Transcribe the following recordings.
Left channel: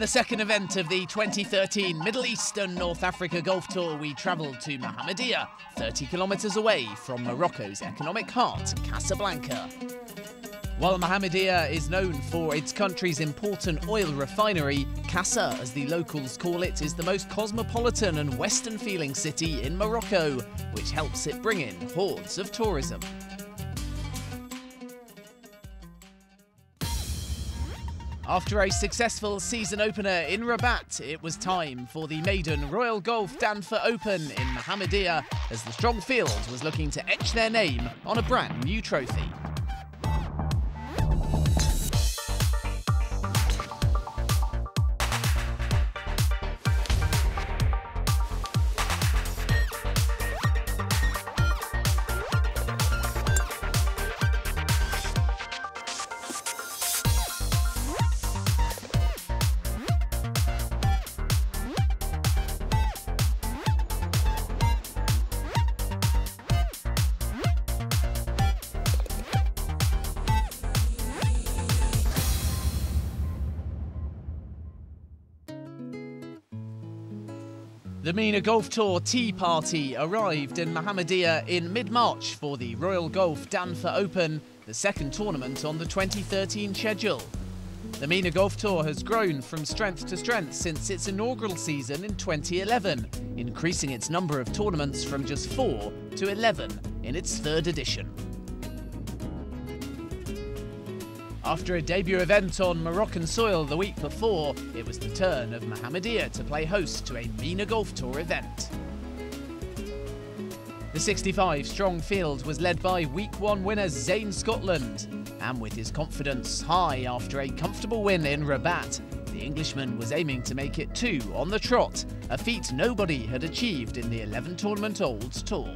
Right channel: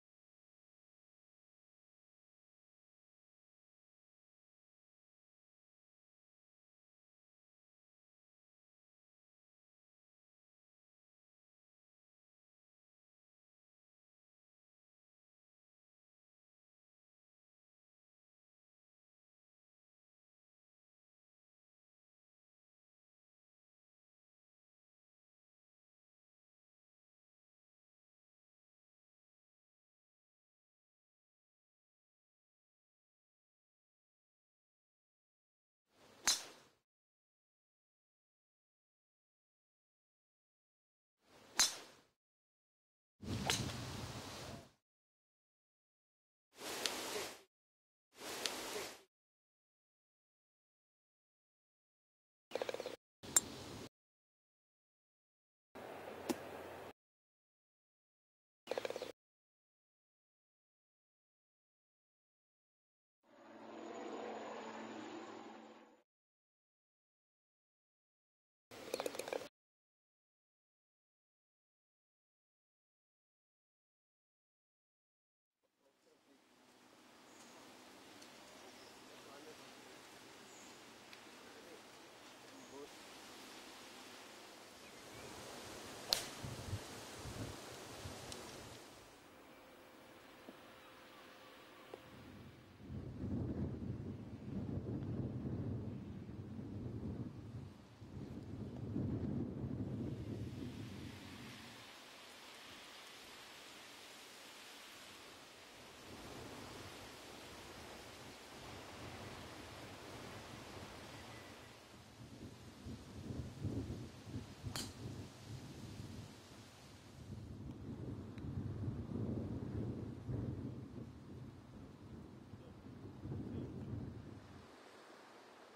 the second event of the 2013 Middle East and North Africa Golf Tour, we travelled to Mohammedia, 30 kilometres away from Morocco's economic heart, Casablanca. While Mohammedia is known for its country's important oil refinery, Casa, as the locals call it, is the most cosmopolitan and Western-feeling city in Morocco, which helps it bring in hordes of tourism. After a successful season opener in Rabat, it was time for the maiden Royal Golf Danfa Open in Mohammedia, as the strong field was looking to etch their name on a brand new trophy. The MENA Golf Tour Tea Party arrived in Mohammedia in mid-March for the Royal Golf Danfa Open, the second tournament on the 2013 schedule. The MENA Golf Tour has grown from strength to strength since its inaugural season in 2011, increasing its number of tournaments from just 4 to 11 in its third edition. After a debut event on Moroccan soil the week before, it was the turn of Mohammedia to play host to a MENA Golf Tour event. The 65-strong field was led by Week 1 winner Zane Scotland, and with his confidence high after a comfortable win in Rabat, the Englishman was aiming to make it 2 on the trot, a feat nobody had achieved in the 11-tournament Olds Tour.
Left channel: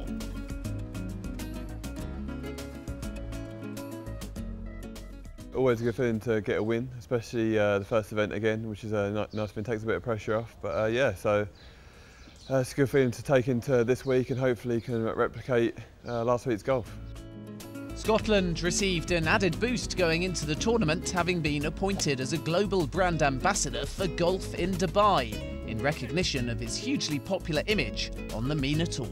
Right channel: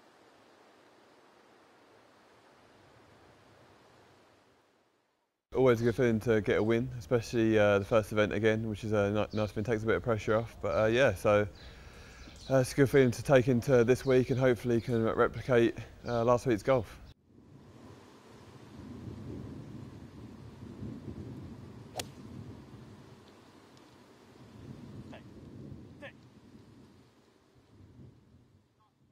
Always a good feeling to get a win, especially the first event again, which is a nice win, takes a bit of pressure off. But yeah, so it's a good feeling to take into this week and hopefully can replicate last week's golf. Scotland received an added boost going into the tournament, having been appointed as a global brand ambassador for golf in Dubai, in recognition of its hugely popular image on the MENA Tour.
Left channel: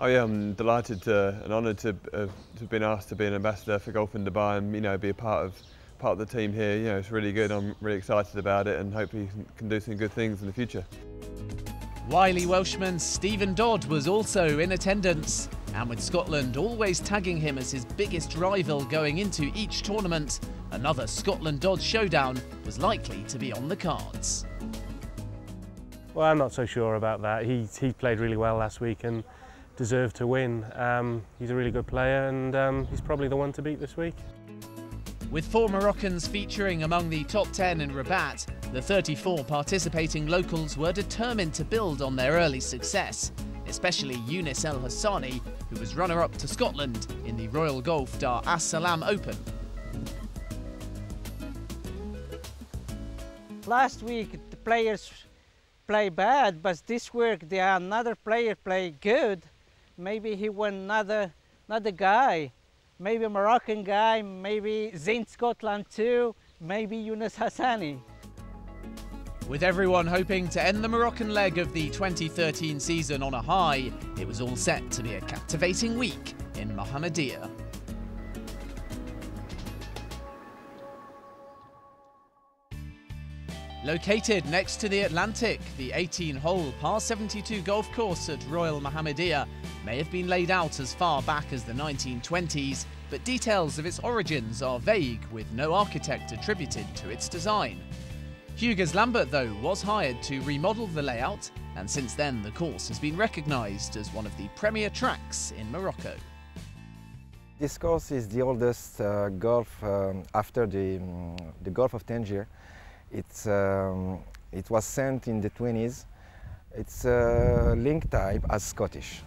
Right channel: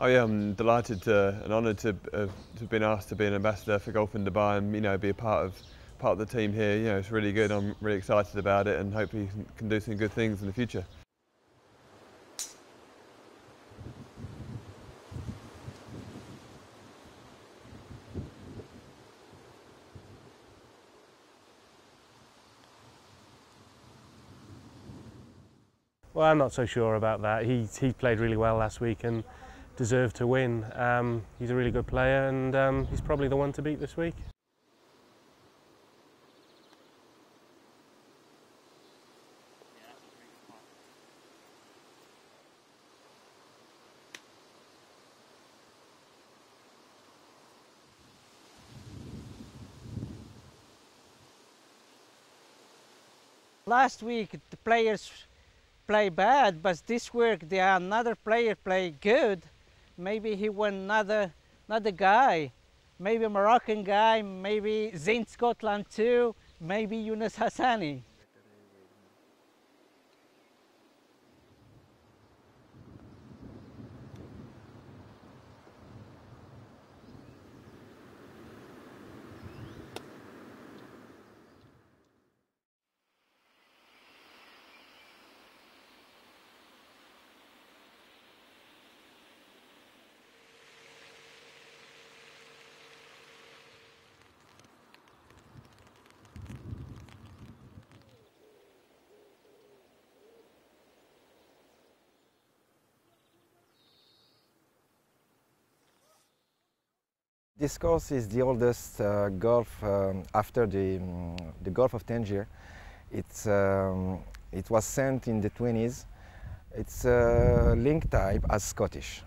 Oh yeah, I'm delighted and honoured to have been asked to be an ambassador for golf in Dubai and be a part of the team here. It's really good. I'm really excited about it and hopefully can do some good things in the future. Wily Welshman Stephen Dodd was also in attendance, and with Scotland always tagging him as his biggest rival going into each tournament, another Scotland-Dodd showdown was likely to be on the cards. Well, I'm not so sure about that. He played really well last week and deserved to win. He's a really good player and he's probably the one to beat this week. With 4 Moroccans featuring among the top 10 in Rabat, the 34 participating locals were determined to build on their early success, especially Younes El Hassani, who was runner-up to Scotland in the Royal Golf Dar es Salaam Open. Last week the players play bad, but this week another player play good. Maybe he won another guy, maybe a Moroccan guy, maybe Zane Scotland too, maybe Younes Hassani. With everyone hoping to end the Moroccan leg of the 2013 season on a high, it was all set to be a captivating week in Mohammedia. Located next to the Atlantic, the 18-hole par 72 golf course at Royal Mohammedia may have been laid out as far back as the 1920s, but details of its origins are vague, with no architect attributed to its design. Hugues Lambert, though, was hired to remodel the layout, and since then the course has been recognised as one of the premier tracks in Morocco. This course is the oldest golf after the Gulf of Tangier. It was sent in the 20s. It's link type as Scottish.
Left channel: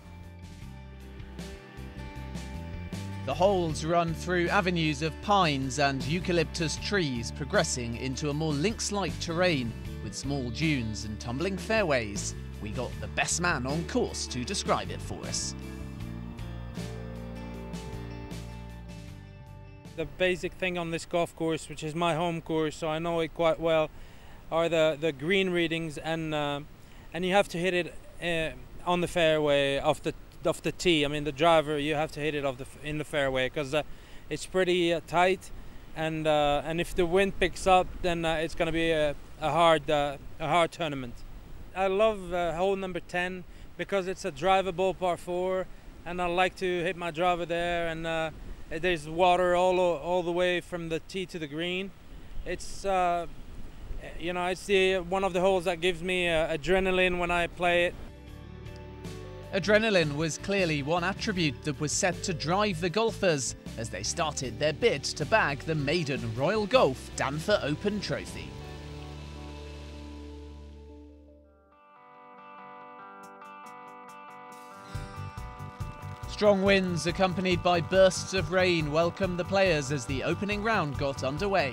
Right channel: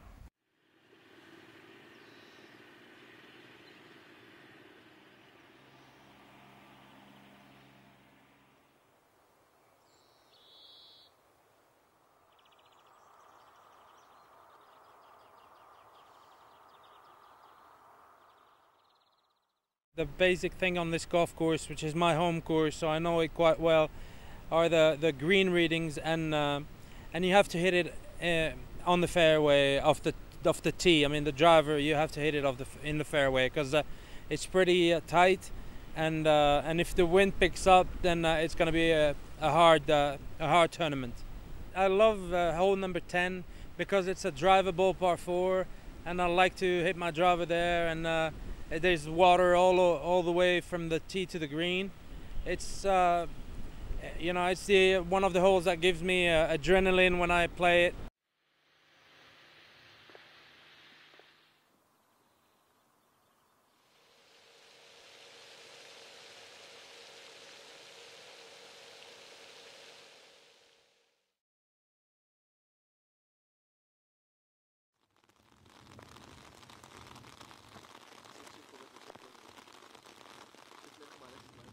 The holes run through avenues of pines and eucalyptus trees, progressing into a more links-like terrain with small dunes and tumbling fairways. We got the best man on course to describe it for us. The basic thing on this golf course, which is my home course, so I know it quite well, are the green readings, and you have to hit it on the fairway off the tee. I mean, the driver, you have to hit it in the fairway, because it's pretty tight, and if the wind picks up, then it's going to be a hard tournament. I love hole number 10 because it's a drivable par 4, and I like to hit my driver there, and there's water all the way from the tee to the green. It's you know, it's one of the holes that gives me adrenaline when I play it. Adrenaline was clearly one attribute that was set to drive the golfers as they started their bid to bag the maiden Royal Golf Danfer Open trophy. Strong winds accompanied by bursts of rain welcomed the players as the opening round got underway.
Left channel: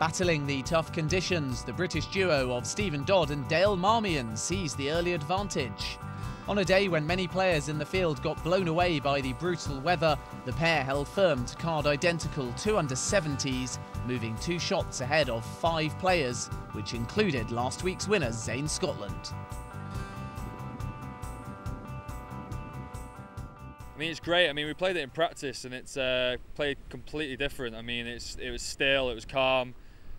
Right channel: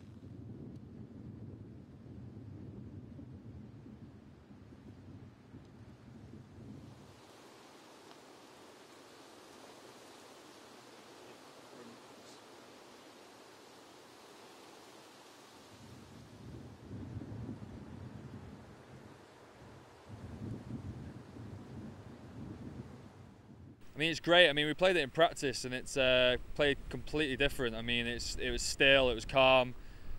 Battling the tough conditions, the British duo of Stephen Dodd and Dale Marmion seized the early advantage. On a day when many players in the field got blown away by the brutal weather, the pair held firm to card identical 2 under 70s, moving 2 shots ahead of 5 players, which included last week's winner Zane Scotland. I mean, it's great. I mean, we played it in practice, and it's played completely different. I mean, it was still, it was calm,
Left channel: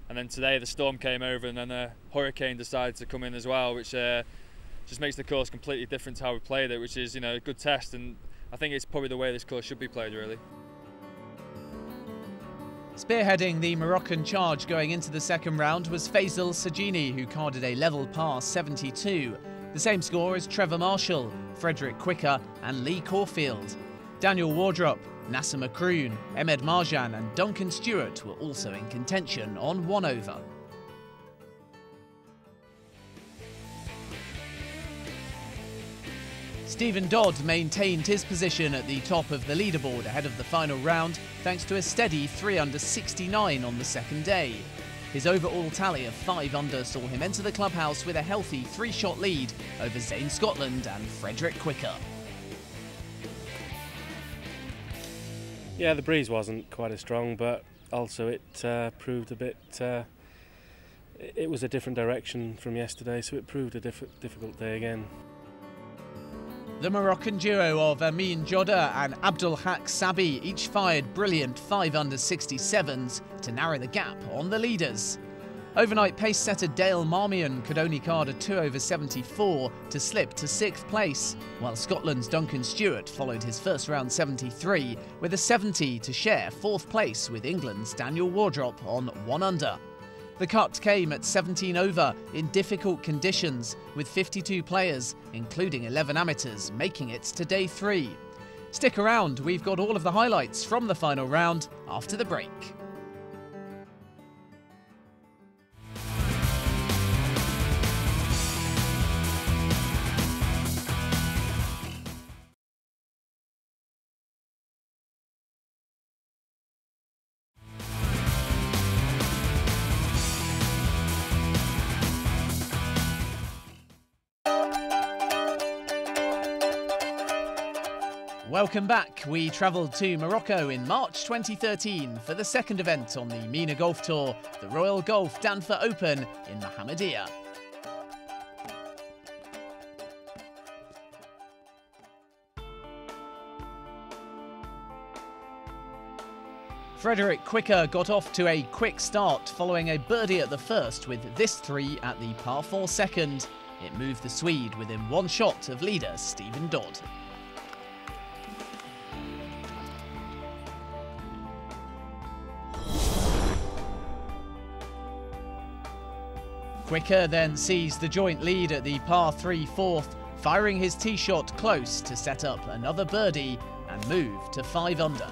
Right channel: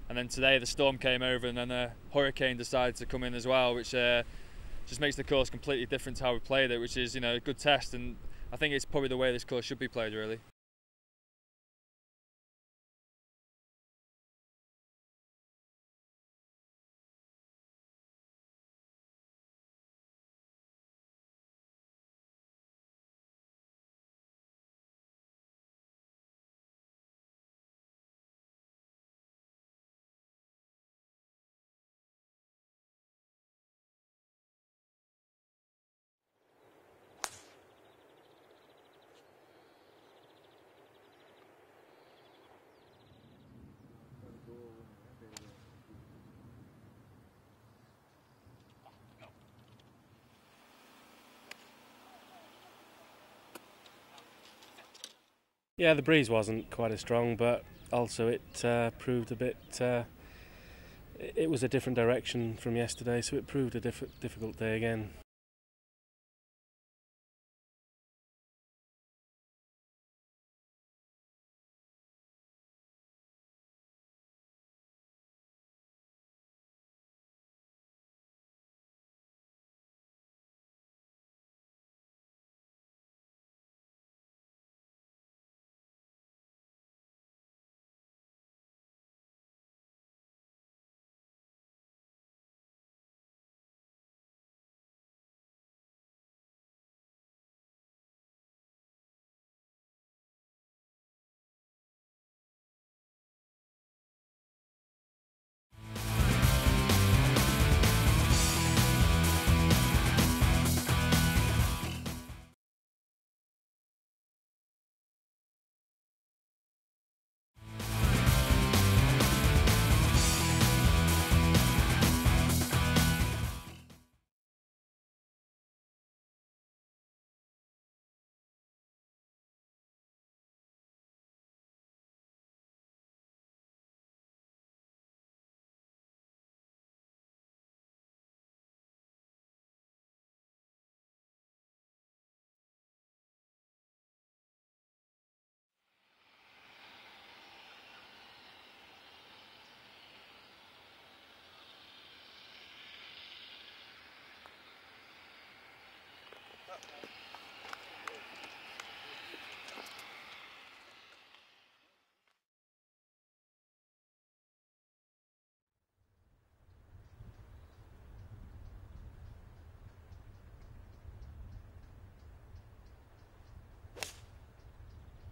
and then today the storm came over, and then a hurricane decided to come in as well, which just makes the course completely different to how we played it, which is, you know, a good test, and I think it's probably the way this course should be played, really. Spearheading the Moroccan charge going into the second round was Faisal Sajini, who carded a level par 72. The same score as Trevor Marshall, Frederick Quicker and Lee Caulfield. Daniel Wardrop, Nasser Macroon, Ahmed Marjan and Duncan Stewart were also in contention on 1 over. Stephen Dodd maintained his position at the top of the leaderboard ahead of the final round thanks to a steady 3 under 69 on the second day. His overall tally of 5 under saw him enter the clubhouse with a healthy 3-shot lead over Zane Scotland and Frederick Quicker. Yeah, the breeze wasn't quite as strong, but also it proved a bit... it was a different direction from yesterday, so it proved a difficult day again. The Moroccan duo of Amin Joda and Abdul Haq Sabi each fired brilliant 5 under 67s to narrow the gap on the leaders. Overnight pace setter Dale Marmion could only card a 2 over 74 to slip to 6th place, while Scotland's Duncan Stewart followed his first round 73 with a 70 to share 4th place with England's Daniel Wardrop on 1 under. The cut came at 17 over in difficult conditions, with 52 players, including 11 amateurs, making it to day 3. Stick around, we've got all of the highlights from the final round after the break. Welcome back. We travelled to Morocco in March 2013 for the second event on the MENA Golf Tour, the Royal Golf Danfer Open in Mohammedia. Frederick Quicker got off to a quick start following a birdie at the first with this 3 at the par 4 second. It moved the Swede within 1 shot of leader Stephen Dodd. Quicker then seized the joint lead at the par 3 fourth, firing his tee shot close to set up another birdie and move to 5 under.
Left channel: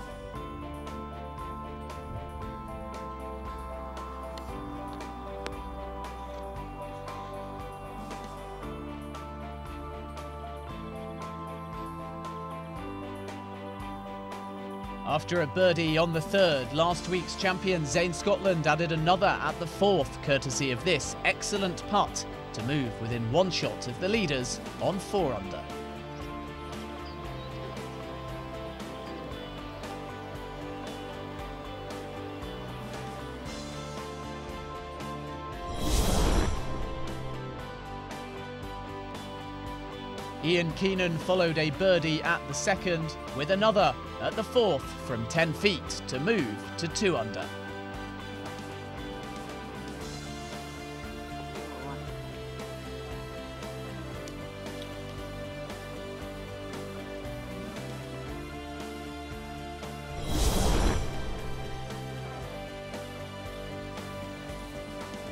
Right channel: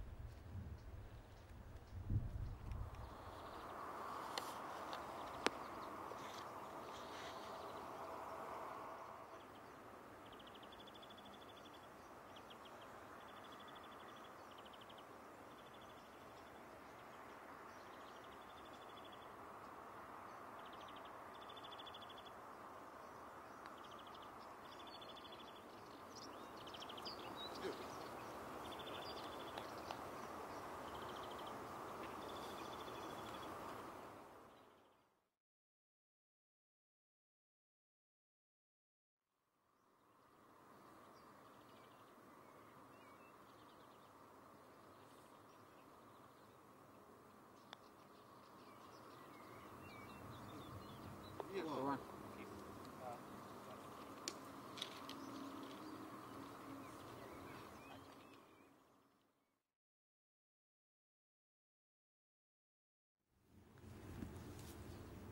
After a birdie on the 3rd, last week's champion Zane Scotland added another at the 4th, courtesy of this excellent putt to move within 1 shot of the leaders on 4 under. Ian Keenan followed a birdie at the second, with another at the fourth from 10 feet to move to 2 under.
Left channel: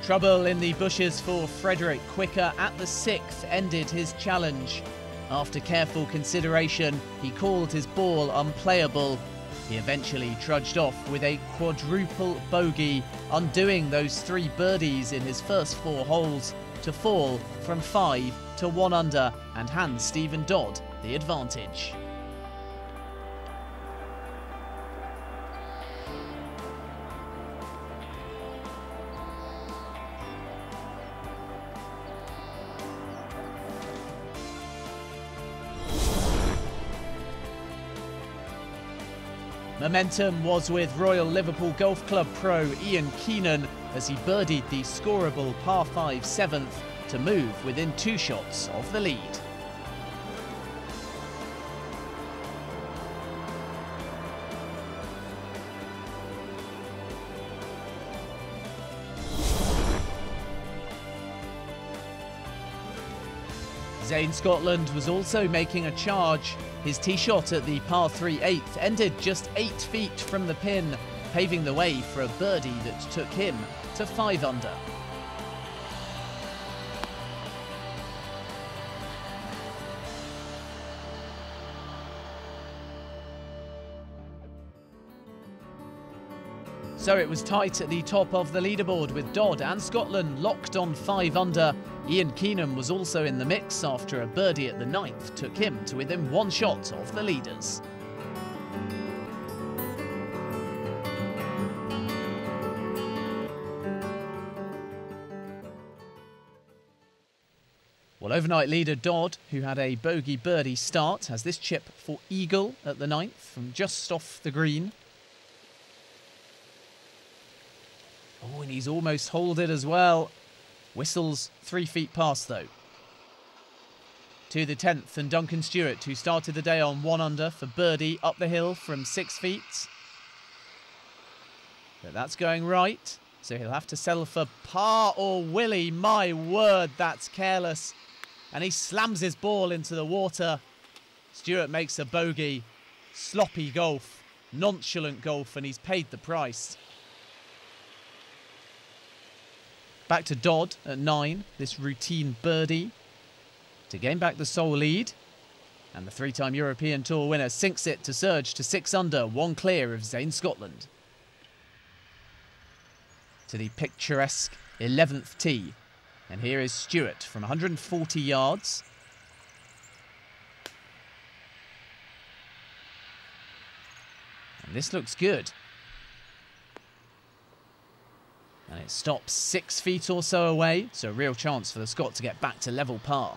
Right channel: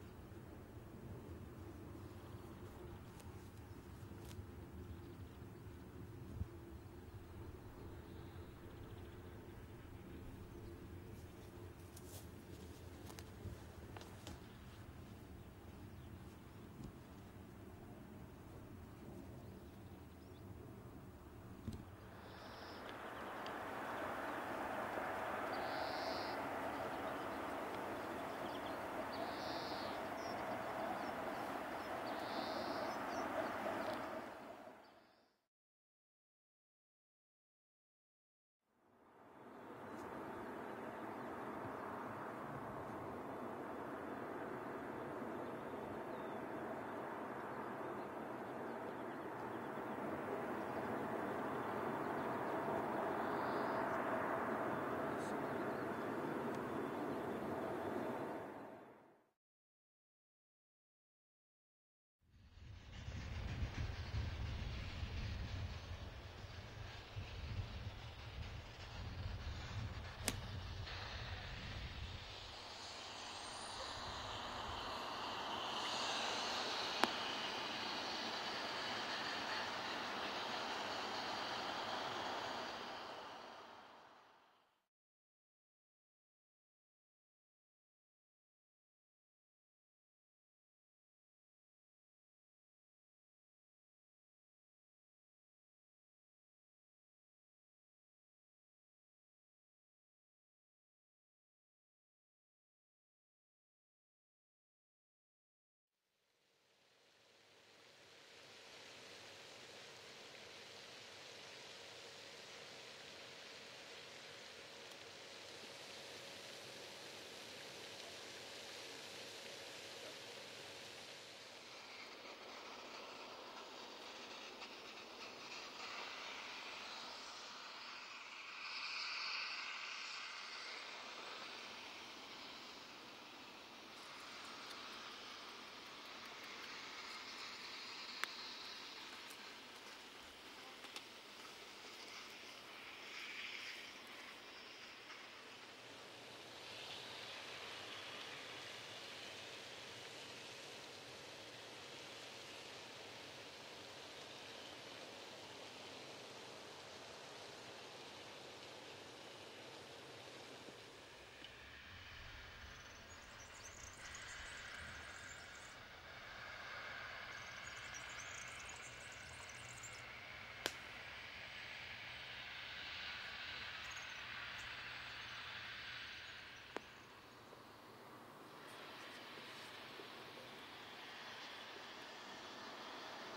Trouble in the bushes for Frederick Quicker at the sixth ended his challenge. After careful consideration, he called his ball unplayable. He eventually trudged off with a quadruple bogey, undoing those 3 birdies in his first 4 holes to fall from 5 to 1 under and hand Stephen Dodd the advantage. Momentum was with Royal Liverpool Golf Club pro Ian Keenan as he birdied the scoreable par 5 7th to move within 2 shots of the lead. Zane Scotland was also making a charge. His tee shot at the par 3 8th ended just 8 feet from the pin, paving the way for a birdie that took him to 5 under. So it was tight at the top of the leaderboard with Dodd and Scotland locked on 5 under. Ian Keenan was also in the mix after a birdie at the 9th took him to within 1 shot of the leaders. Well, overnight leader Dodd, who had a bogey birdie start, has this chip for eagle at the 9th from just off the green. Oh, and he's almost holed it as well. Whistles 3 feet past though. To the 10th and Duncan Stewart, who started the day on 1 under for birdie up the hill from 6 feet. But that's going right, so he'll have to settle for par or Willie. My word, that's careless. And he slams his ball into the water. Stewart makes a bogey. Sloppy golf, nonchalant golf, and he's paid the price. Back to Dodd at 9, this routine birdie to gain back the sole lead. And the 3-time European Tour winner sinks it to surge to 6 under, 1 clear of Zane Scotland. To the picturesque 11th tee. And here is Stewart from 140 yards. And this looks good. And it stops 6 feet or so away, so a real chance for the Scot to get back to level par.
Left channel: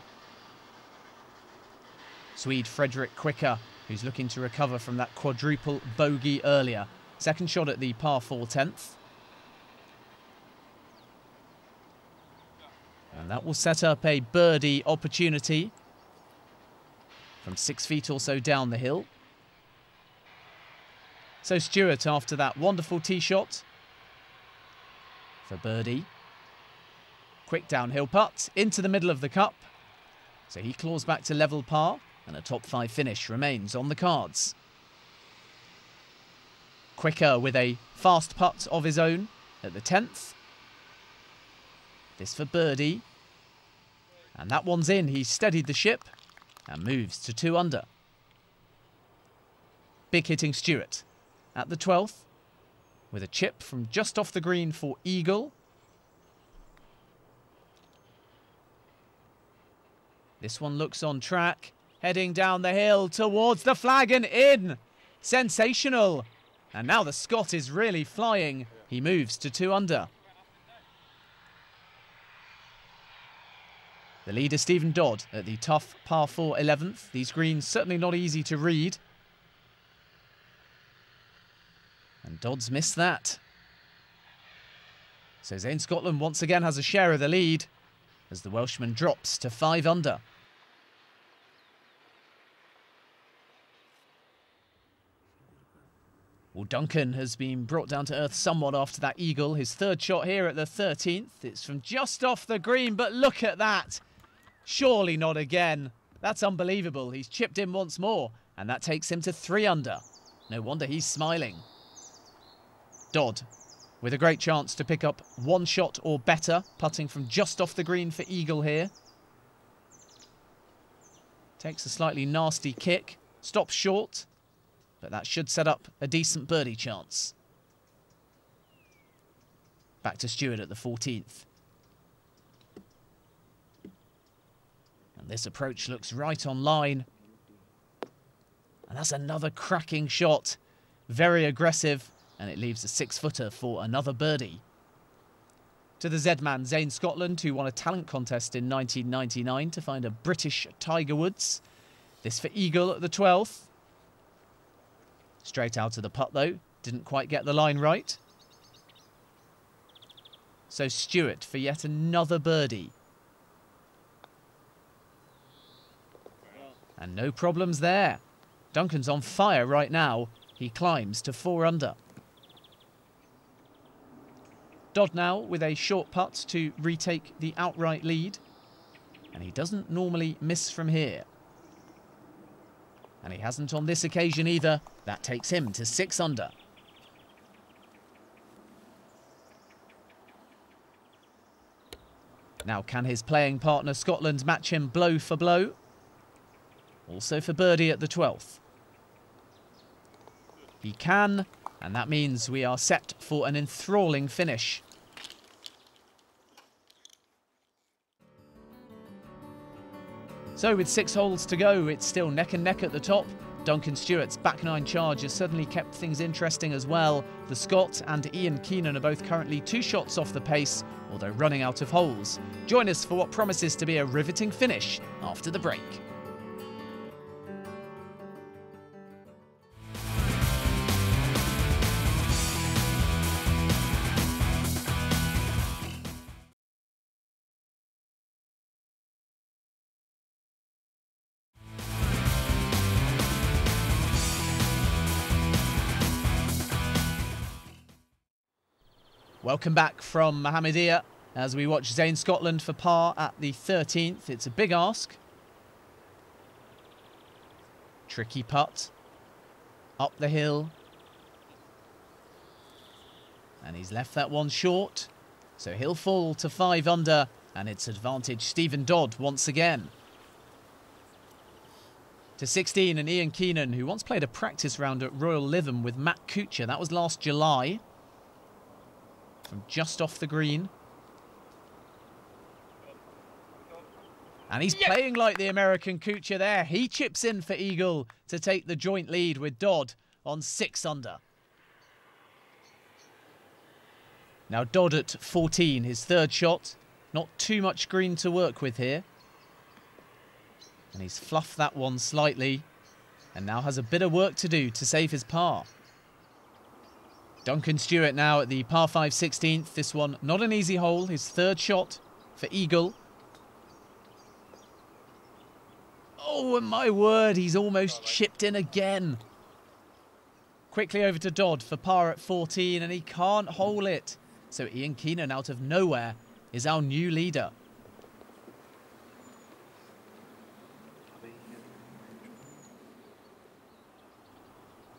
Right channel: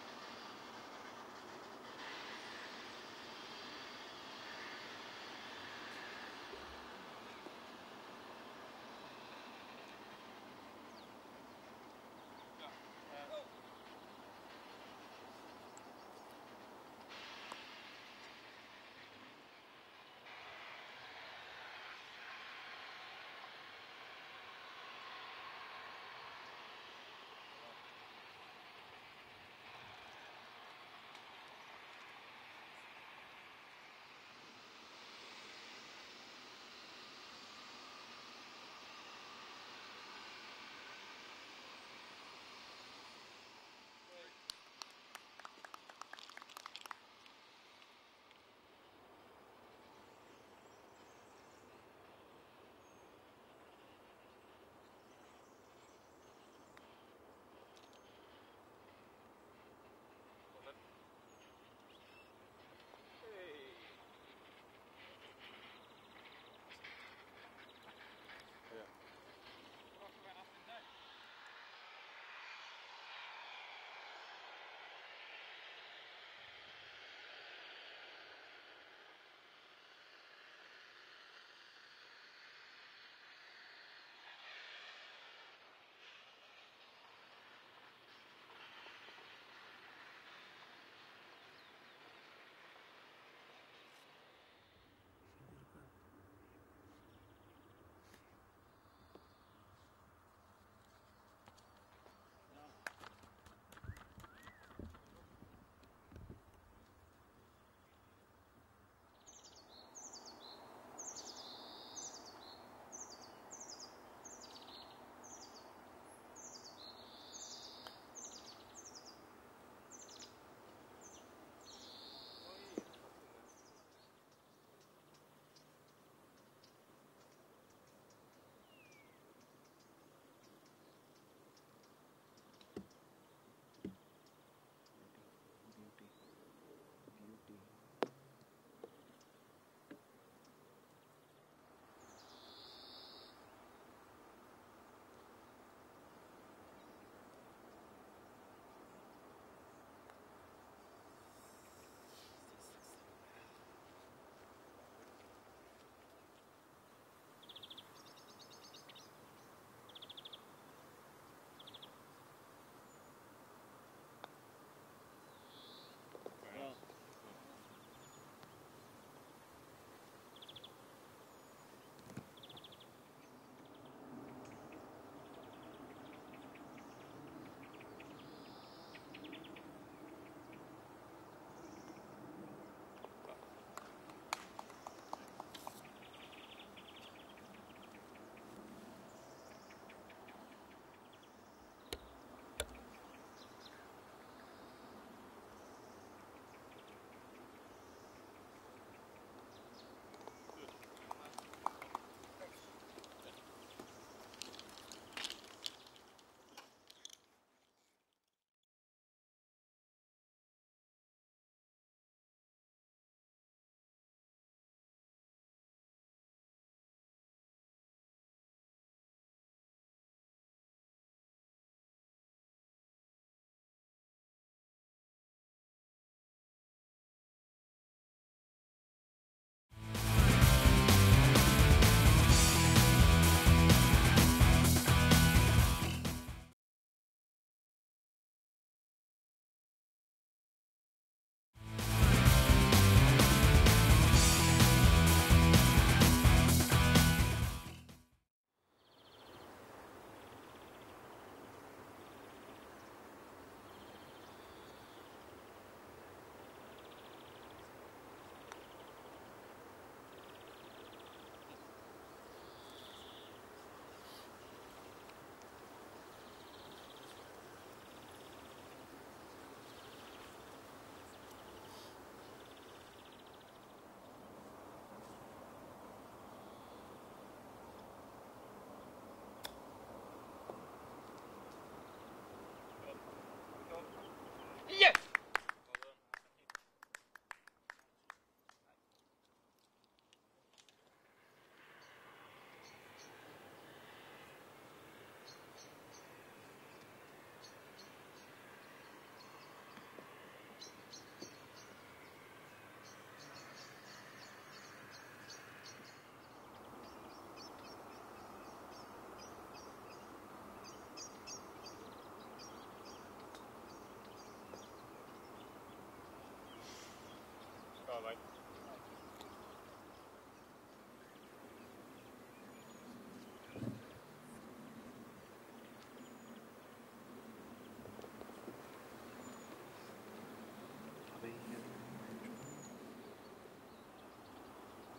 Swede Frederick Quicker, who's looking to recover from that quadruple bogey earlier. Second shot at the par 4 10th. And that will set up a birdie opportunity from 6 feet or so down the hill. So Stewart, after that wonderful tee shot, for birdie. Quick downhill putt into the middle of the cup. So he claws back to level par and a top 5 finish remains on the cards. Quicker with a fast putt of his own at the 10th. This for birdie. And that one's in. He steadied the ship and moves to 2 under. Big hitting Stewart at the 12th. With a chip from just off the green for eagle. This one looks on track, heading down the hill towards the flag and in. Sensational. And now the Scot is really flying. He moves to 2 under. The leader, Stephen Dodd, at the tough par 4 11th. These greens certainly not easy to read. And Dodd's missed that. So Zane Scotland once again has a share of the lead as the Welshman drops to 5 under. Well, Duncan has been brought down to earth somewhat after that eagle. His third shot here at the 13th. It's from just off the green, but look at that. Surely not again. That's unbelievable. He's chipped in once more, and that takes him to 3 under. No wonder he's smiling. Dodd with a great chance to pick up 1 shot or better, putting from just off the green for eagle here. Takes a slightly nasty kick, stops short, but that should set up a decent birdie chance. Back to Stewart at the 14th. And this approach looks right on line. And that's another cracking shot. Very aggressive, and it leaves a 6-footer for another birdie. To the Z-man, Zane Scotland, who won a talent contest in 1999 to find a British Tiger Woods. This for eagle at the 12th. Straight out of the putt, though. Didn't quite get the line right. So Stewart for yet another birdie. And no problems there. Duncan's on fire right now. He climbs to 4 under. Dodd now with a short putt to retake the outright lead. And he doesn't normally miss from here. And he hasn't on this occasion either. That takes him to 6 under. Now can his playing partner Scotland match him blow for blow? Also for birdie at the 12th. He can, and that means we are set for an enthralling finish. So with 6 holes to go, it's still neck and neck at the top. Duncan Stewart's back 9 charge has certainly kept things interesting as well. The Scot and Ian Keenan are both currently 2 shots off the pace, although running out of holes. Join us for what promises to be a riveting finish after the break. Welcome back from Mohammedia as we watch Zane Scotland for par at the 13th. It's a big ask. Tricky putt. Up the hill. And he's left that one short. So he'll fall to 5 under, and it's advantage Stephen Dodd once again. To 16, and Ian Keenan, who once played a practice round at Royal Lytham with Matt Kuchar. That was last July. Just off the green. And he's playing like the American Kuchar there. He chips in for eagle to take the joint lead with Dodd on 6 under. Now Dodd at 14, his 3rd shot. Not too much green to work with here. And he's fluffed that one slightly. And now has a bit of work to do to save his par. Duncan Stewart now at the par 5 16th. This one not an easy hole. His 3rd shot for eagle. Oh, and my word, he's almost chipped in again. Quickly over to Dodd for par at 14, and he can't hole it. So Ian Keenan out of nowhere is our new leader.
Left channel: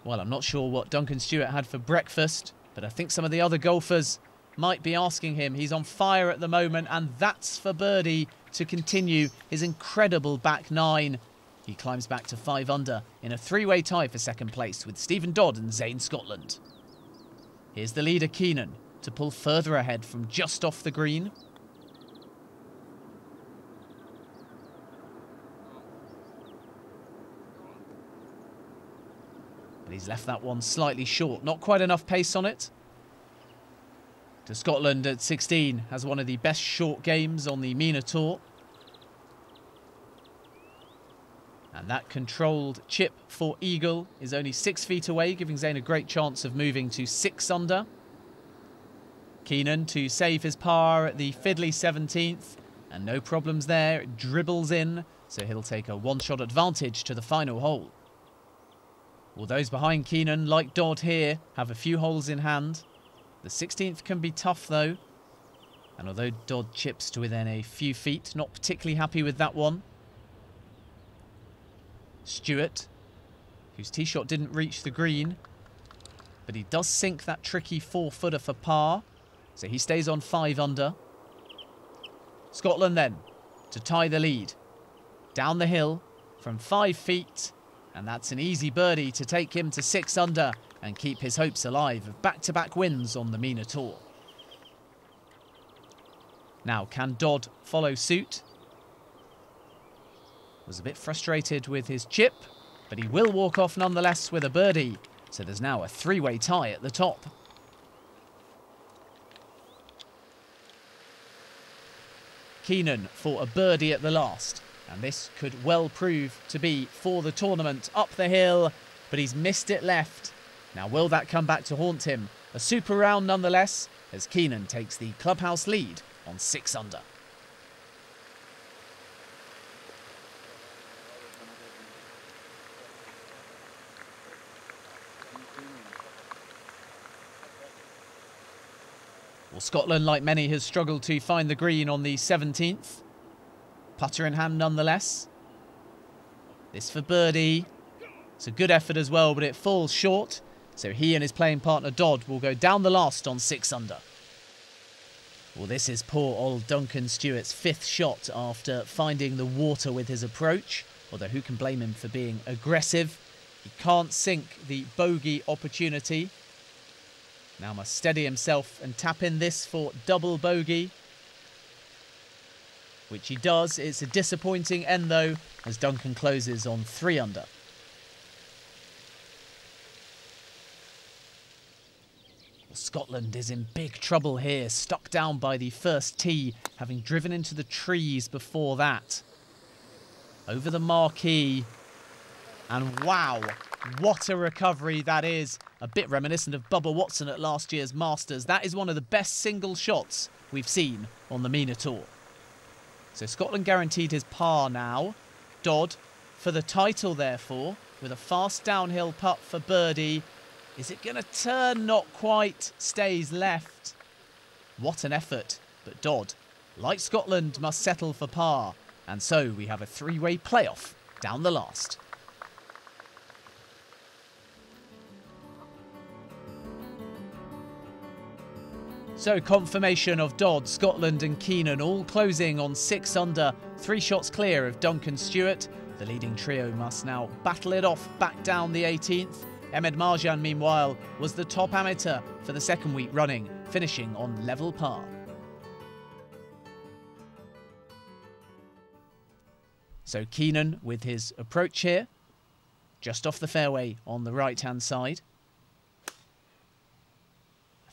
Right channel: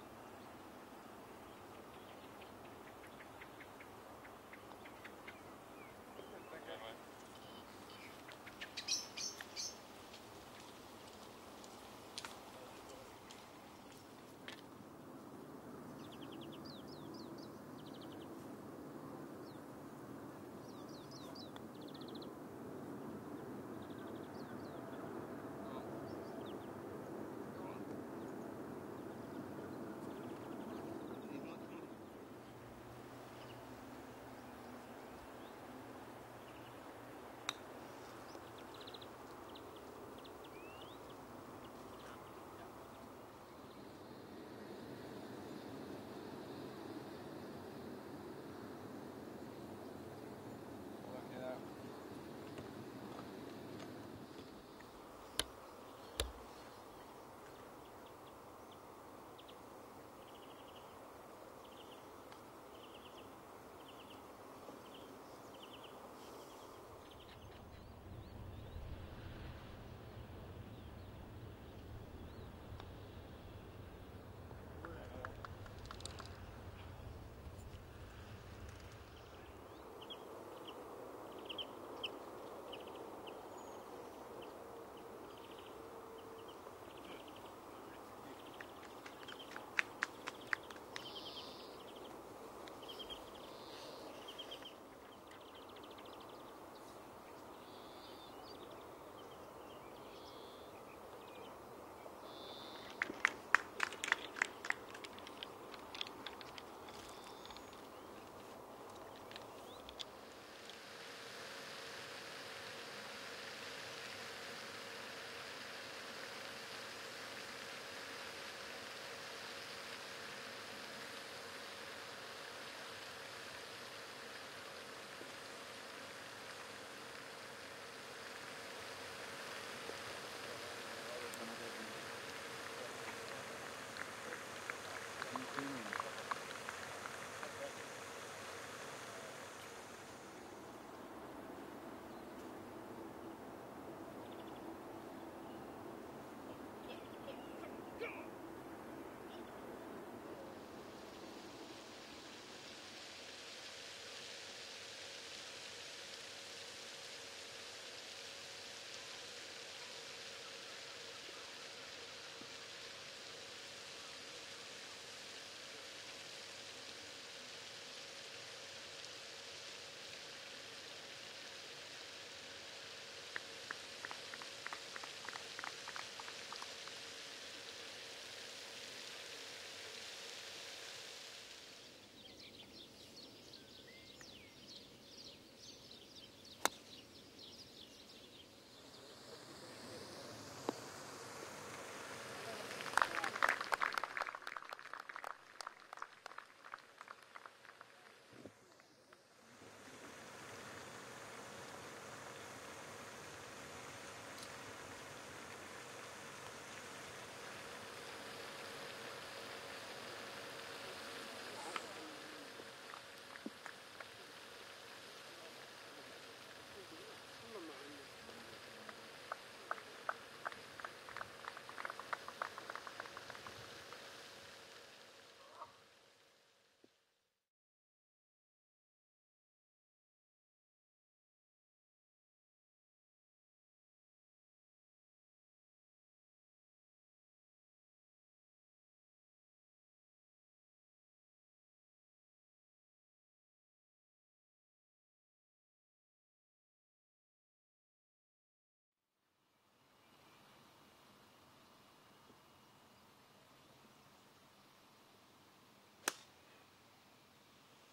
Well, I'm not sure what Duncan Stewart had for breakfast, but I think some of the other golfers might be asking him. He's on fire at the moment, and that's for birdie to continue his incredible back 9. He climbs back to 5 under in a 3-way tie for 2nd place with Stephen Dodd and Zane Scotland. Here's the leader Keenan to pull further ahead from just off the green. He's left that one slightly short, not quite enough pace on it. To Scotland at 16, has one of the best short games on the MENA Tour. And that controlled chip for eagle is only 6 feet away, giving Zane a great chance of moving to 6 under. Keenan to save his par at the fiddly 17th, and no problems there, it dribbles in, so he'll take a 1-shot advantage to the final hole. Well, those behind Keenan, like Dodd here, have a few holes in hand. The 16th can be tough though. And although Dodd chips to within a few feet, not particularly happy with that one. Stewart, whose tee shot didn't reach the green, but he does sink that tricky 4-footer for par, so he stays on 5 under. Scotland then to tie the lead. Down the hill from 5 feet, and that's an easy birdie to take him to 6 under and keep his hopes alive of back-to-back wins on the MENA Tour. Now, can Dodd follow suit? Was a bit frustrated with his chip, but he will walk off nonetheless with a birdie. So there's now a 3-way tie at the top. Keenan for a birdie at the last, and this could well prove to be for the tournament. Up the hill, but he's missed it left. Now will that come back to haunt him? A super round nonetheless, as Keenan takes the clubhouse lead on 6 under. Well, Scotland, like many, has struggled to find the green on the 17th. Putter in hand nonetheless. This for birdie. It's a good effort as well, but it falls short. So he and his playing partner Dodd will go down the last on 6 under. Well, this is poor old Duncan Stewart's 5th shot after finding the water with his approach. Although who can blame him for being aggressive? He can't sink the bogey opportunity. Now must steady himself and tap in this for double bogey, which he does. It's a disappointing end though, as Duncan closes on 3 under. Scotland is in big trouble here, stuck down by the first tee, having driven into the trees before that. Over the marquee, and wow, what a recovery that is. A bit reminiscent of Bubba Watson at last year's Masters. That is one of the best single shots we've seen on the MENA Tour. So Scotland guaranteed his par now. Dodd for the title therefore, with a fast downhill putt for birdie. Is it going to turn? Not quite. Stays left. What an effort. But Dodd, like Scotland, must settle for par. And so we have a 3-way playoff down the last. So confirmation of Dodd, Scotland and Keenan all closing on 6 under, 3 shots clear of Duncan Stewart. The leading trio must now battle it off back down the 18th. Ahmed Marjan, meanwhile, was the top amateur for the 2nd week running, finishing on level par. So Keenan with his approach here, just off the fairway on the right-hand side. I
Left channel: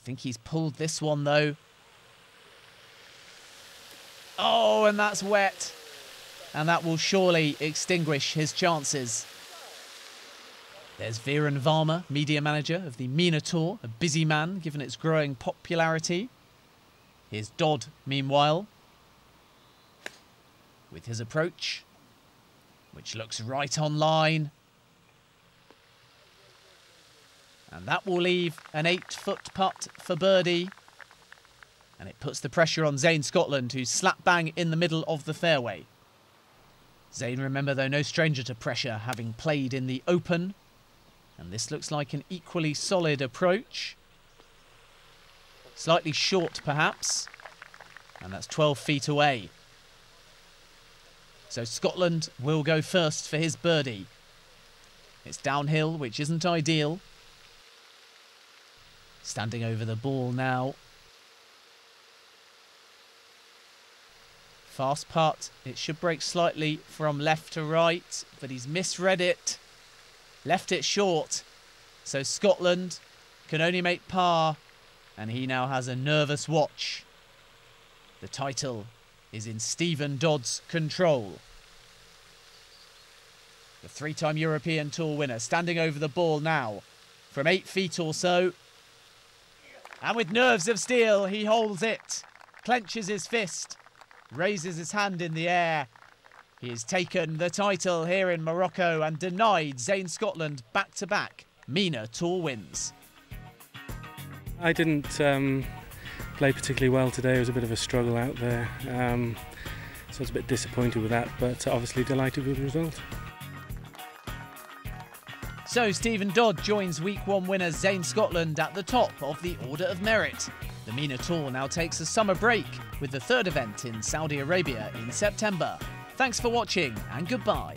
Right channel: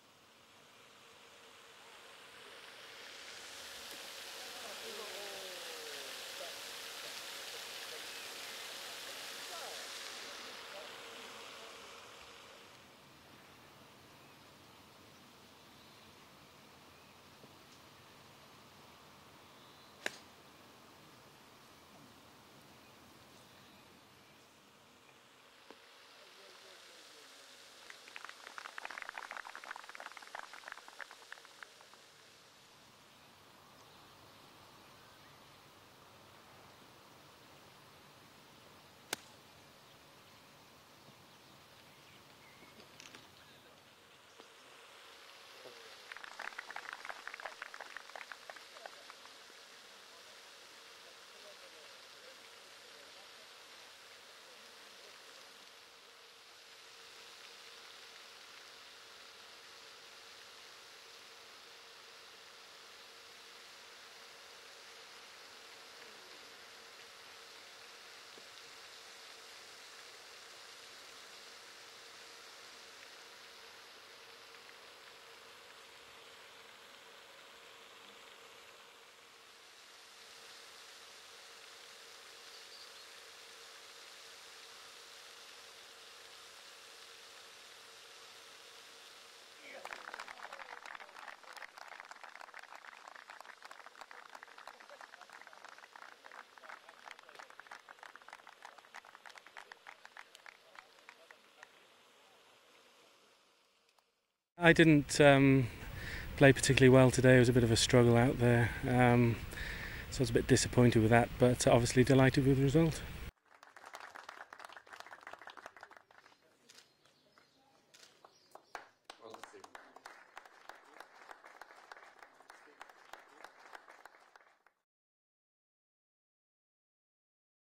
think he's pulled this one though. Oh, and that's wet. And that will surely extinguish his chances. There's Viren Varma, media manager of the MENA Tour, a busy man given its growing popularity. Here's Dodd, meanwhile, with his approach, which looks right on line. And that will leave an 8-foot putt for birdie. And it puts the pressure on Zane Scotland, who's slap bang in the middle of the fairway. Zane, remember, though, no stranger to pressure, having played in the Open. And this looks like an equally solid approach. Slightly short, perhaps. And that's 12 feet away. So Scotland will go first for his birdie. It's downhill, which isn't ideal. Standing over the ball now. Fast putt. It should break slightly from left to right, but he's misread it. Left it short. So Scotland can only make par, and he now has a nervous watch. The title is in Stephen Dodd's control. The 3-time European Tour winner standing over the ball now from 8 feet or so. And with nerves of steel, he holds it, clenches his fist, raises his hand in the air. He has taken the title here in Morocco and denied Zayn Scotland back-to-back MENA Tour wins. I didn't play particularly well today. It was a bit of a struggle out there, so I was a bit disappointed with that, but obviously delighted with the result. So Stephen Dodd joins Week 1 winner Zayn Scotland at the top of the Order of Merit. The MENA Tour now takes a summer break with the third event in Saudi Arabia in September. Thanks for watching and goodbye.